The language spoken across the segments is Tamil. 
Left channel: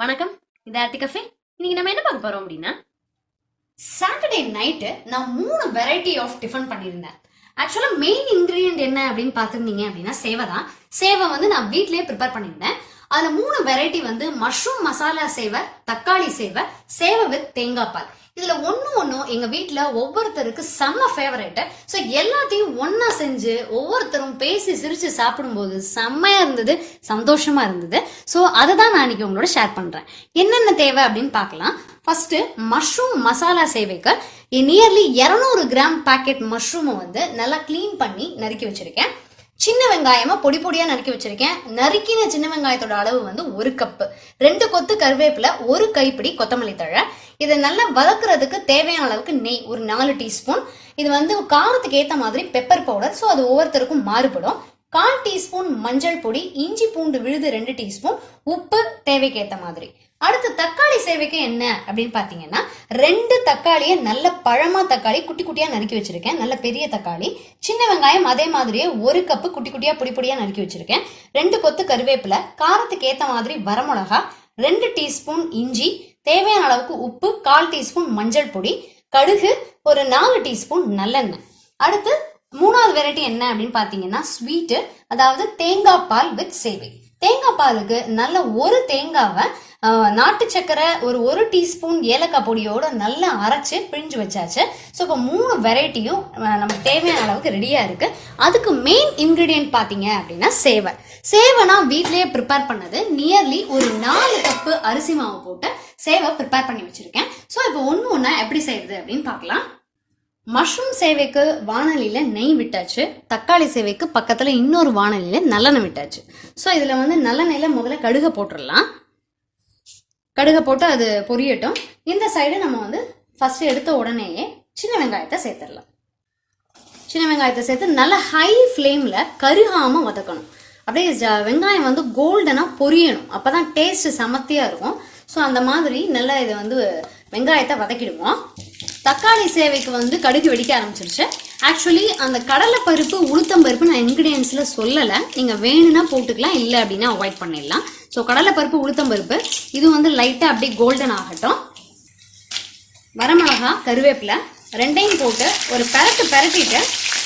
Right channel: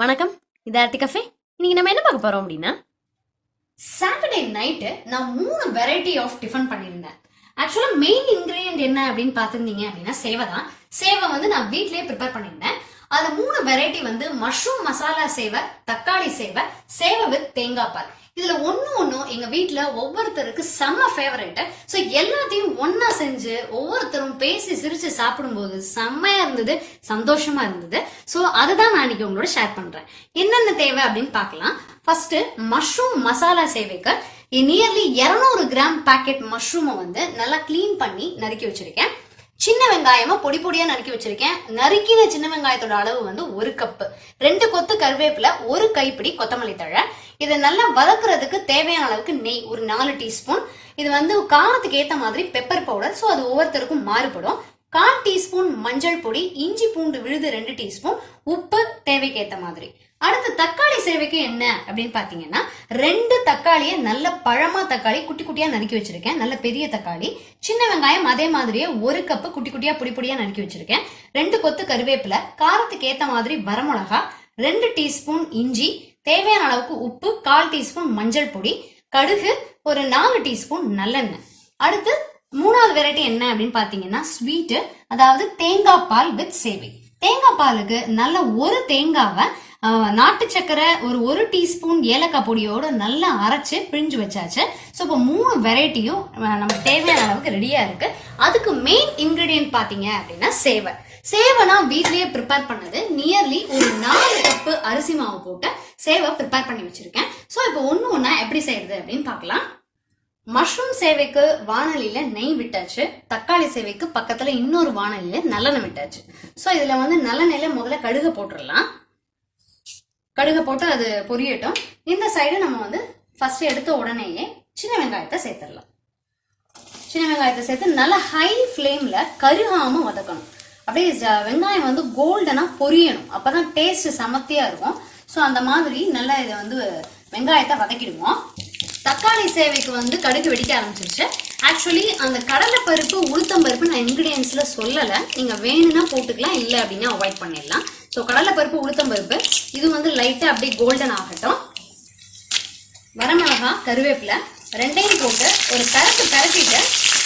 வணக்கம், இது ஆர்த்தி கஃபே. இன்னைக்கு நம்ம என்ன பார்க்க போறோம் அப்படின்னா, சாட்டர்டே நைட்டு நான் 3 வெரைட்டி ஆஃப் டிஃபன் பண்ணியிருந்தேன். ஆக்சுவலா மெயின் இன்கிரீடியன்ட் என்ன அப்படின்னு பார்த்துருந்தீங்க அப்படின்னா சேவை தான். சேவை வந்து நான் வீட்லயே ப்ரிப்பேர் பண்ணியிருந்தேன். அதுல 3 வெரைட்டி வந்து மஷ்ரூம் மசாலா சேவை, தக்காளி சேவை, சேவை வித் தேங்காய் பால். இதுல ஒன்னும் எங்க வீட்டுல ஒவ்வொருத்தருக்கு செம்ம ஃபேவரட். சோ எல்லாத்தையும் ஒன்னா செஞ்சு ஒவ்வொருத்தரும் பேசி சிரிச்சு சாப்பிடும்போது செம்மையா இருந்தது, சந்தோஷமா இருந்தது. சோ அததான் நான் இன்னைக்கு உங்களோட ஷேர் பண்றேன். என்னென்ன தேவை அப்படின்னு பார்க்கலாம். ஃபர்ஸ்ட் மஷ்ரூம் மசாலா சேவைக்கு நியர்லி 200 கிராம் பாக்கெட் மஷ்ரூமை வந்து நல்லா கிளீன் பண்ணி நறுக்கி வச்சிருக்கேன். சின்ன வெங்காயமா பொடி பொடியா நறுக்கி வச்சிருக்கேன். நறுக்கின சின்ன வெங்காயத்தோட அளவு வந்து 1 கப்பு, 2 கொத்து கருவேப்பிலை, 1 கைப்பிடி கொத்தமல்லி தழை. இதை நல்லா வதக்குறதுக்கு தேவையான அளவுக்கு நெய் ஒரு 4 டீஸ்பூன். இது வந்து காரத்துக்கு ஏத்த மாதிரி பெப்பர் பவுடர், ஸோ அது ஒவ்வொருத்தருக்கும் மாறுபடும். 1/4 டீஸ்பூன் மஞ்சள் பொடி, இஞ்சி பூண்டு விழுது 2 டீஸ்பூன், உப்பு தேவைக்கு ஏத்த மாதிரி. அடுத்து தக்காளி சேவைக்கு என்ன அப்படின்னு பாத்தீங்கன்னா, 2 தக்காளியை நல்ல பழமா தக்காளி குட்டி குட்டியா நறுக்கி வச்சிருக்கேன். நல்ல பெரிய தக்காளி. சின்ன வெங்காயம் அதே மாதிரியே 1 கப்பு குட்டி குட்டியா பொடி பொடியா நறுக்கி வச்சிருக்கேன். 2 கொத்து கருவேப்பிலை, காரத்துக்கு ஏத்த மாதிரி வரமிளகா, 2 டீஸ்பூன் இஞ்சி, தேவையான அளவுக்கு உப்பு, 1/4 டீஸ்பூன் மஞ்சள் பொடி, கடுகு, ஒரு 4 டீஸ்பூன் நல்லெண்ணெய். அடுத்து 3வது வெரைட்டி என்ன அப்படின்னு பாத்தீங்கன்னா ஸ்வீட், அதாவது தேங்காய் பால் வித் சேவை. தேங்காய் பாலுக்கு நல்ல ஒரு தேங்காவை நாட்டு சக்கரை ஒரு டீஸ்பூன் ஏலக்காய் பொடியோட நல்லா அரைச்சு பிழிஞ்சு வச்சாச்சு. ஸோ இப்போ 3 வெரைட்டியும் நமக்கு தேவையான அளவுக்கு ரெடியா இருக்கு. அதுக்கு மெயின் இன்கிரீடியன்ட் பாத்தீங்க அப்படின்னா சேவை. சேவை நான் வீட்லயே ப்ரிப்பேர் பண்ணது. நியர்லி ஒரு 4 கப்பு அரிசி மாவு போட்டு சேவை ப்ரிப்பேர் பண்ணி வச்சிருக்கேன். ஸோ இப்போ ஒண்ணா எப்படி செய்யறது அப்படின்னு பார்க்கலாம். மஷ்ரூம் சேவைக்கு வானலியில நெய் விட்டாச்சு. தக்காளி சேவைக்கு பக்கத்துல இன்னொரு வானலியில நல்லெண்ணெய் விட்டாச்சு. ஸோ இதுல வந்து நல்லெண்ணெயில முதல்ல கடுகை போட்டுடலாம். கடுகை போட்டு அது பொரியட்டும். இந்த சைடு நம்ம வந்து ஃபர்ஸ்ட் எடுத்த உடனேயே சின்ன வெங்காயத்தை சேர்த்துடலாம். சின்ன வெங்காயத்தை சேர்த்து நல்லா ஹை ஃப்ளேம்ல கருகாம வதக்கணும். அப்படியே வெங்காயம் வந்து கோல்டனா பொரியணும். அப்பதான் டேஸ்ட் சமத்தியா இருக்கும். ஸோ அந்த மாதிரி நல்லா இதை வந்து வெங்காயத்தை வதக்கிடுவோம். தக்காளி சேவைக்கு வந்து கடுகு வெடிக்க ஆரம்பிச்சிருச்சு. ஆக்சுவலி அந்த கடலை பருப்பு, உளுத்தம் பருப்பு நான் இன்கிரீடியன்ஸ்ல சொல்லல. நீங்க வேணும்னா போட்டுக்கலாம், இல்லை அப்படின்னா அவாய்ட் பண்ணிடலாம். ஸோ கடலை பருப்பு, உளுத்தம் பருப்பு இது வந்து லைட்டா அப்படியே கோல்டன் ஆகட்டும். வரமிளகா, கருவேப்பிலை ரெண்டையும் போட்டு ஒரு பரட்டிட்டு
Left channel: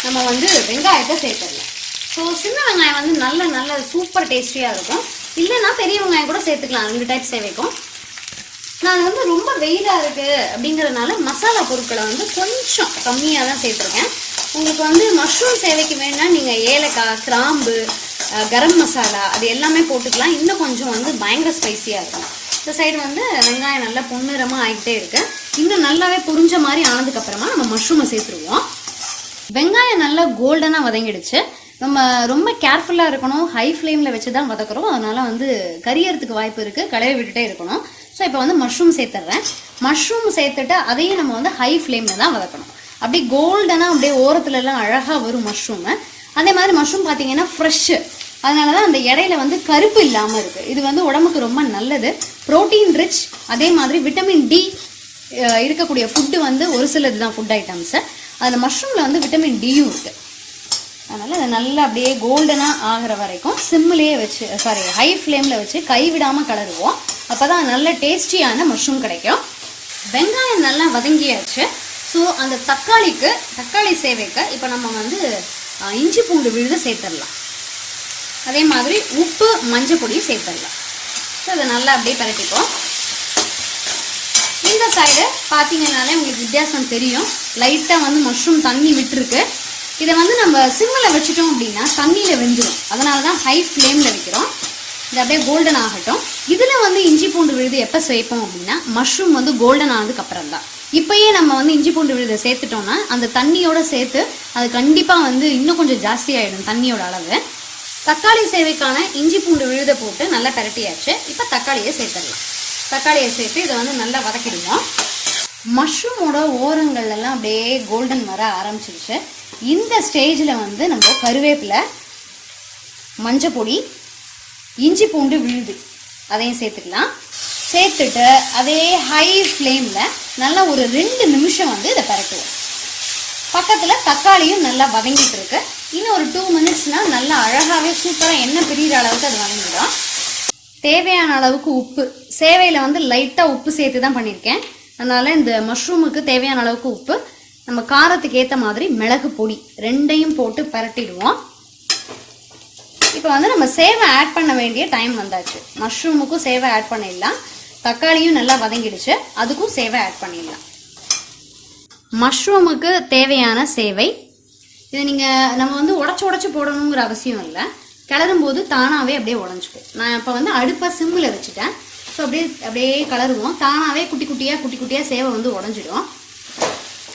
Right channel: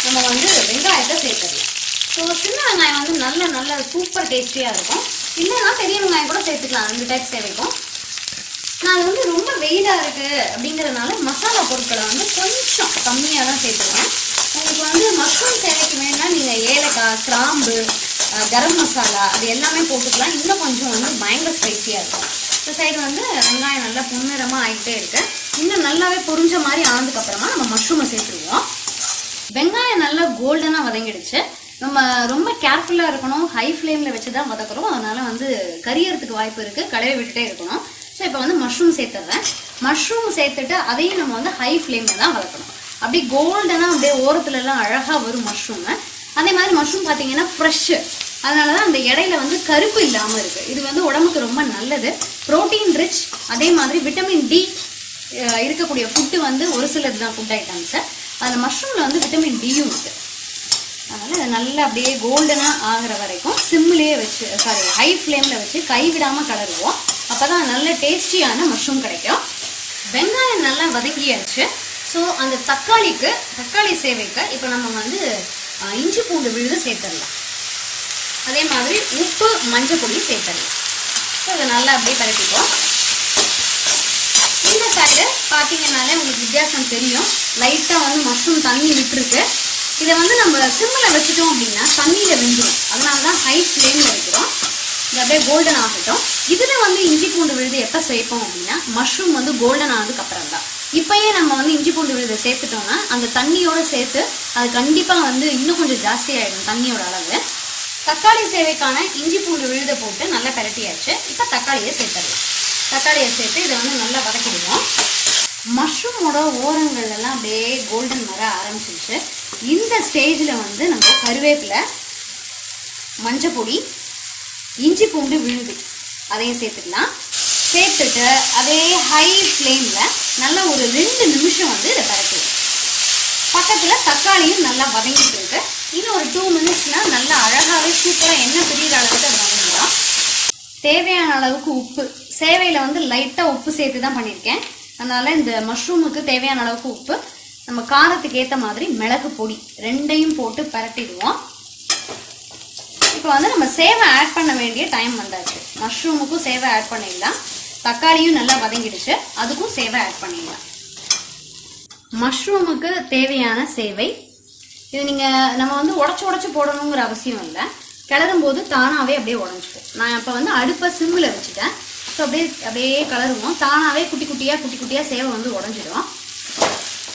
நம்ம வந்து வெங்காயத்தை சேர்த்துடலாம். ஸோ சின்ன வெங்காயம் வந்து நல்ல சூப்பர் டேஸ்டியா இருக்கும். இல்லைன்னா பெரிய வெங்காயம் கூட சேர்த்துக்கலாம் 2 டைப் சேவைக்கும். நான் வந்து ரொம்ப வெயிலா இருக்கு அப்படிங்கறதுனால மசாலா பொருட்களை வந்து கொஞ்சம் கம்மியா தான் சேர்த்துருக்கேன். உங்களுக்கு வந்து மஷ்ரூம் சேவைக்கு வேணா நீங்க ஏலக்காய், கிராம்பு, கரம் மசாலா அது எல்லாமே போட்டுக்கலாம். இன்னும் கொஞ்சம் வந்து பயங்கர ஸ்பைசியா இருக்கும். இந்த சைடு வந்து வெங்காயம் நல்லா பொன்னிறமா ஆகிட்டே இருக்கு. இன்னும் நல்லாவே புரிஞ்ச மாதிரி ஆனதுக்கு அப்புறமா நம்ம மஷ்ரூமை சேர்த்துருவோம். வெங்காயம் நல்லா கோல்டனா வதங்கிடுச்சு. நம்ம ரொம்ப கேர்ஃபுல்லா இருக்கணும். ஹை ஃப்ளேம்ல வச்சுதான் வதக்குறோம். அதனால வந்து கரியறதுக்கு வாய்ப்பு இருக்கு. கடையை விட்டுட்டே இருக்கணும். ஸோ இப்போ வந்து மஷ்ரூம் சேர்த்துறேன். மஷ்ரூம் சேர்த்துட்டு அதையும் நம்ம வந்து ஹை ஃப்ளேம்ல தான் வதக்கணும். அப்படியே கோல்டனா அப்படியே ஓரத்துல எல்லாம் அழகா வரும் மஷ்ரூம். அதே மாதிரி மஷ்ரூம் பாத்தீங்கன்னா ஃப்ரெஷ், அதனாலதான் அந்த இடையில வந்து கருப்பு இல்லாம இருக்கு. இது வந்து உடம்புக்கு ரொம்ப நல்லது, புரோட்டீன் ரிச். அதே மாதிரி விட்டமின் டி இருக்கக்கூடிய ஃபுட்டு வந்து ஒரு சிலது தான் ஃபுட் ஐட்டம்ஸ். அதுல மஷ்ரூம்ல வந்து விட்டமின் டியும் இருக்கு. அதனால இதை நல்லா அப்படியே கோல்டனா ஆகிற வரைக்கும் சிம்லேயே வச்சு, ஹை ஃப்ளேம்ல வச்சு கைவிடாம கலருவோம். அப்பதான் நல்ல டேஸ்டியான மஷ்ரூம் கிடைக்கும். வெங்காயம் நல்லா வதங்கியாச்சு. ஸோ அந்த தக்காளி சேவைக்கு இப்போ நம்ம வந்து இஞ்சி பூண்டு விழுது சேர்த்துடலாம். அதே மாதிரி உப்பு, மஞ்சள் பொடி சேர்த்துடலாம். ஸோ இதை நல்லா அப்படியே பரட்டிப்போம். இந்த சைடு பார்த்தீங்கன்னாலே உங்களுக்கு வித்தியாசம் தெரியும். லைட்டாக வந்து மஷ்ரூம் தண்ணி விட்டுருக்கு. இதை வந்து நம்ம சிம்மில் வச்சுட்டோம் அப்படின்னா தண்ணியில் வெந்துடும். அதனால தான் ஹை ஃப்ளேமில் வைக்கிறோம். இது அப்படியே கோல்டன் ஆகட்டும். இதில் வந்து இஞ்சி பூண்டு விழுது எப்போ சேர்ப்போம் அப்படின்னா மஷ்ரூம் வந்து கோல்டன் ஆனதுக்கு அப்புறம் தான். இப்பயே நம்ம வந்து இஞ்சி பூண்டு விழுதை சேர்த்துட்டோம்னா அந்த தண்ணியோட சேர்த்து அது கண்டிப்பாக வந்து இன்னும் கொஞ்சம் ஜாஸ்தி ஆகிடும் தண்ணியோட அளவு. தக்காளி சேவைக்கான இஞ்சி பூண்டு விழுதை போட்டு நல்லா பரட்டியாச்சு. இப்போ தக்காளியை சேர்த்துடலாம். தக்காளியை சேர்த்து இதை வந்து நல்லா வதக்கிடுவோம். மஷ்ரூமோட ஓரங்கள் எல்லாம் அப்படியே கோல்டன் வர ஆரம்பிச்சிருச்சு. இந்த ஸ்டேஜில் வந்து நம்ம கருவேப்பிலை, மஞ்சள் பொடி, இஞ்சி பூண்டு விழுது அதையும் சேர்த்துக்கலாம். சேர்த்துட்டு அதே ஹை ஃப்ளேமில் நல்லா ஒரு 2 நிமிஷம் வந்து இதை பரட்டுவோம். பக்கத்தில் தக்காளியும் நல்லா வதங்கிட்டு இருக்கு. இன்னும் ஒரு 2 மினிட்ஸ்லாம் நல்லா அழகாகவே சூப்பராக எண்ணெய் பிரிகிற அளவுக்கு அது வதங்கிடும். தேவையான அளவுக்கு உப்பு. சேவையில் வந்து லைட்டாக உப்பு சேர்த்து தான் பண்ணியிருக்கேன். அதனால இந்த மஷ்ரூமுக்கு தேவையான அளவுக்கு உப்பு, நம்ம காரத்துக்கு ஏற்ற மாதிரி மிளகு பொடி ரெண்டையும் போட்டு பரட்டிடுவோம். இப்போ வந்து நம்ம சேவை ஆட் பண்ண வேண்டிய டைம் வந்தாச்சு. மஷ்ரூமுக்கும் சேவை ஆட் பண்ணிடலாம். தக்காளியும் நல்லா வதங்கிடுச்சு, அதுக்கும் சேவை ஆட் பண்ணிடலாம். மஷ்ரூமுக்கு தேவையான சேவை இது நம்ம வந்து உடச்சு போடணுங்கிற அவசியம் இல்லை. கிளறும் போது தானாகவே அப்படியே உடஞ்சிக்கும். நான் இப்போ வந்து அடுப்பை சிம்மில் வச்சுட்டேன். ஸோ அப்படியே கலருவோம். தானாகவே குட்டி குட்டியாக சேவை வந்து உடஞ்சிடும்.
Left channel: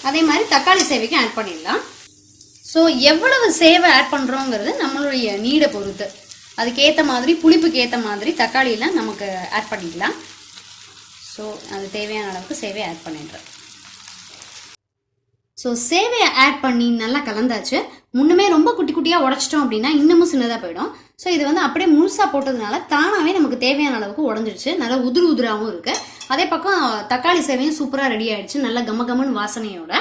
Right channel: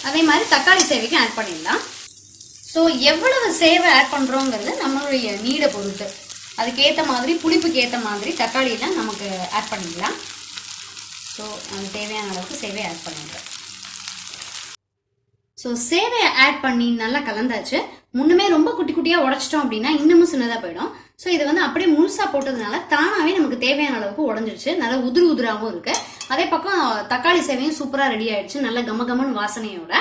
அதே மாதிரி தக்காளி சேவைக்கு ஆட் பண்ணிடலாம். ஸோ எவ்வளவு சேவை ஆட் பண்ணுறோங்கிறது நம்மளுடைய நீடை பொறுத்து. அதுக்கேற்ற மாதிரி புளிப்புக்கு ஏற்ற மாதிரி தக்காளியெல்லாம் நமக்கு ஆட் பண்ணிக்கலாம். ஸோ நமக்கு தேவையான அளவுக்கு சேவையை ஆட் பண்ணிடுறேன். ஸோ சேவையை ஆட் பண்ணி நல்லா கலந்தாச்சு. முன்னமே ரொம்ப குட்டி குட்டியாக உடச்சிட்டோம் அப்படின்னா இன்னமும் சின்னதாக போயிடும். ஸோ இது வந்து அப்படியே முழுசாக போட்டதுனால தானாகவே நமக்கு தேவையான அளவுக்கு உடஞ்சிருச்சு. நல்லா உதிராகவும் இருக்கு. அதே பக்கம் தக்காளி சேவையும் சூப்பராக ரெடி ஆயிடுச்சு, நல்ல கமகமன்னு வாசனையோட.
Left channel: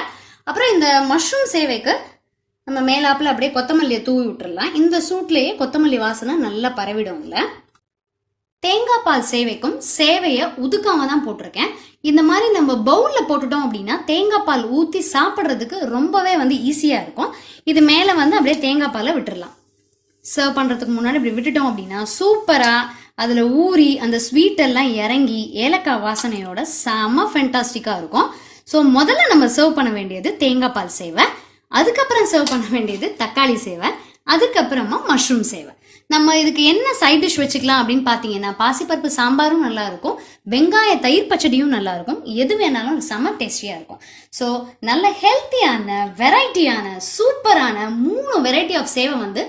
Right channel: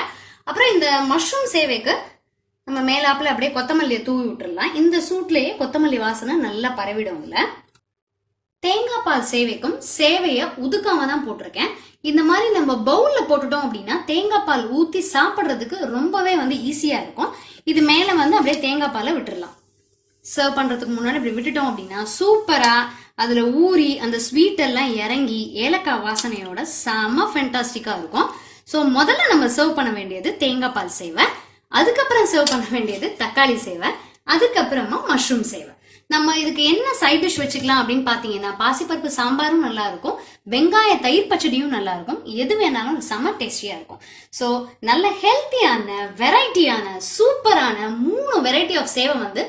அப்புறம் இந்த மஷ்ரூம் சேவைக்கு நம்ம மேலாப்பில் அப்படியே கொத்தமல்லியை தூவி விட்டுடலாம். இந்த சூட்லேயே கொத்தமல்லி வாசனை நல்லா பரவிடும். இல்லை தேங்காய் பால் சேவைக்கும் சேவையை உதுக்காம தான் போட்டிருக்கேன். இந்த மாதிரி நம்ம பவுல்ல போட்டுட்டோம் அப்படின்னா தேங்காய் பால் ஊற்றி சாப்பிட்றதுக்கு ரொம்பவே வந்து ஈஸியா இருக்கும். இது மேல வந்து அப்படியே தேங்காய் பாலை விட்டுடலாம். சர்வ் பண்றதுக்கு முன்னாடி இப்படி விட்டுட்டோம் அப்படின்னா சூப்பரா அதுல ஊறி அந்த ஸ்வீட் எல்லாம் இறங்கி ஏலக்காய் வாசனையோட செம ஃபென்டாஸ்டிக்கா இருக்கும். ஸோ முதல்ல நம்ம சர்வ் பண்ண வேண்டியது தேங்காய் பால் சேவை, அதுக்கப்புறம் சர்வ் பண்ண வேண்டியது தக்காளி சேவை, அதுக்கப்புறமா மஷ்ரூம் சேவை. நம்ம இதுக்கு என்ன சைட் டிஷ் வச்சுக்கலாம் அப்படின்னு பாத்தீங்கன்னா பாசிப்பருப்பு சாம்பாரும் நல்லா இருக்கும், வெங்காய தயிர் பச்சடியும் நல்லா இருக்கும். எது வேணாலும் செம டேஸ்டியா இருக்கும். ஸோ நல்ல ஹெல்த்தியான வெரைட்டியான சூப்பரான 3 வெரைட்டி ஆஃப் சேவை வந்து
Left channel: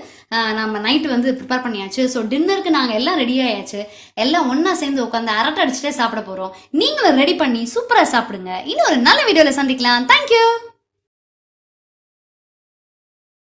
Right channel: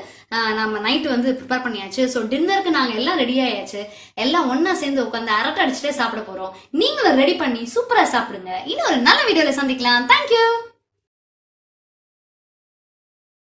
நம்ம நைட்டு வந்து ப்ரிப்பேர் பண்ணியாச்சு. ஸோ டின்னருக்கு நாங்கள் எல்லாம் ரெடி ஆயாச்சு. எல்லாம் ஒன்னா சேர்ந்து உட்காந்து அரட்டை அடிச்சுட்டே சாப்பிட போறோம். நீங்களும் ரெடி பண்ணி சூப்பரா சாப்பிடுங்க. இன்னும் ஒரு நல்ல வீடியோல சந்திக்கலாம். தேங்க்யூ.